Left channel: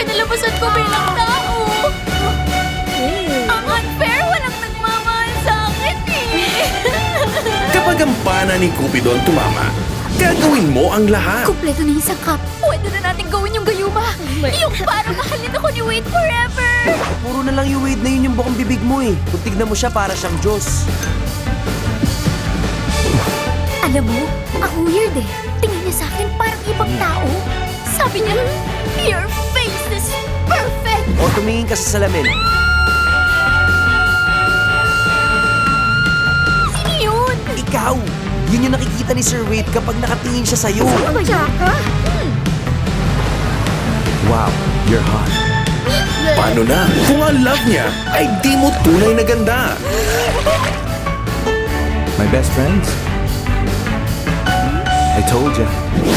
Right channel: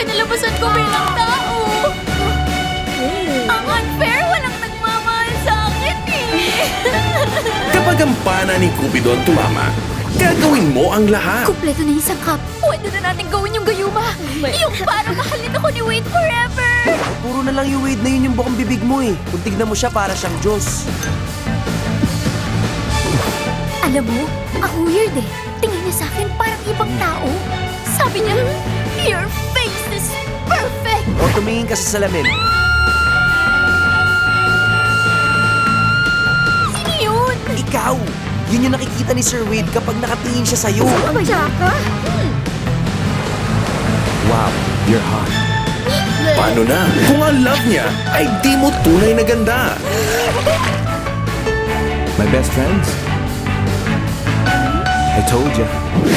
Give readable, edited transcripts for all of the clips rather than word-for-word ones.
kinalabasan ko bilang tao. Ang unfair, walang nagmamahal sa akin eh. Kapag ang pana ni Cupido ang tumama, gagawin mo ang lahat. Kumpleto na yung sangkap. Pwede na natin gawin yung gayuma. Yung parang mahalin ako ni Wade forever. Puro na lang yung Wade na yun yung bukang bibig mo eh. Kung tignan mo siya para siyang Diyos. Alam mo, ang weird eh. Tingin niya sa akin parang ibang tao. Sabi niya, your face is perfect. O tumingin ka sa salamin. Sino yun? Ikaw! Yun yung nakikita ni Sir Wade kapag nakatingin siya sa'yo. Ang tsaka? Wow, you're hot. Paano na? Kung ang love niya ay di mo tunay na ganda. My best friends? I told ya.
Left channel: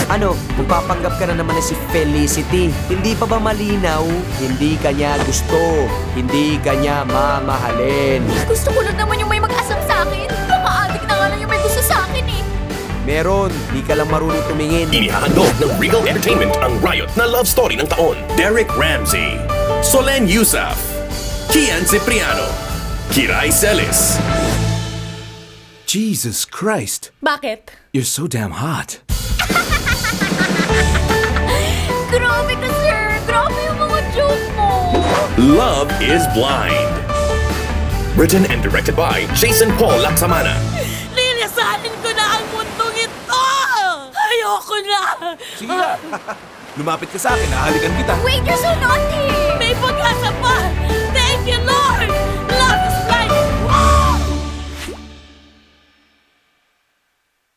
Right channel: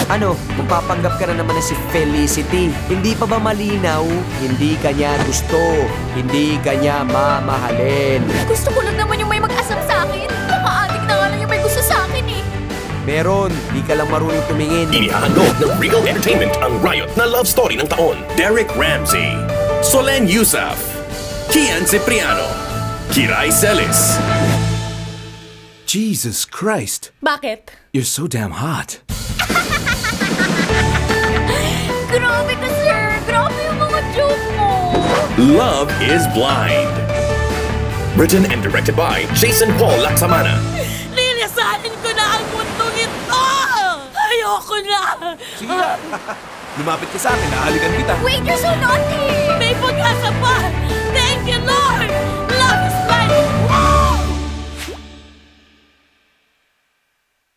Ano, magpapanggap ka na naman na si Felicity. Hindi pa ba malinaw? Hindi ka niya gusto. Hindi ka niya mamahalin. Gusto ko lang naman yung may mag-asam sa akin. Baka adik na nga lang yung may gusto sa akin eh. Meron, di ka lang marunong tumingin. Inihahandog ng Regal Entertainment ang Riot na love story ng taon. Derek Ramsey, Solen Yusuf, Kian Cipriano, Kiray Celis. Jesus Christ. Bakit? You're so damn hot. Grabe ka, sir! Grabe yung mga joke mo! Love is Blind. Written and directed by Jason Paul Laksamana. Lilisanin ko na ang mundong ito! Ayoko na! Sige na. Lumapit ka sa akin, nahalikan kita. Wait, you're so naughty! May pag-asa pa! Thank you, Lord! Love is blind! Wow!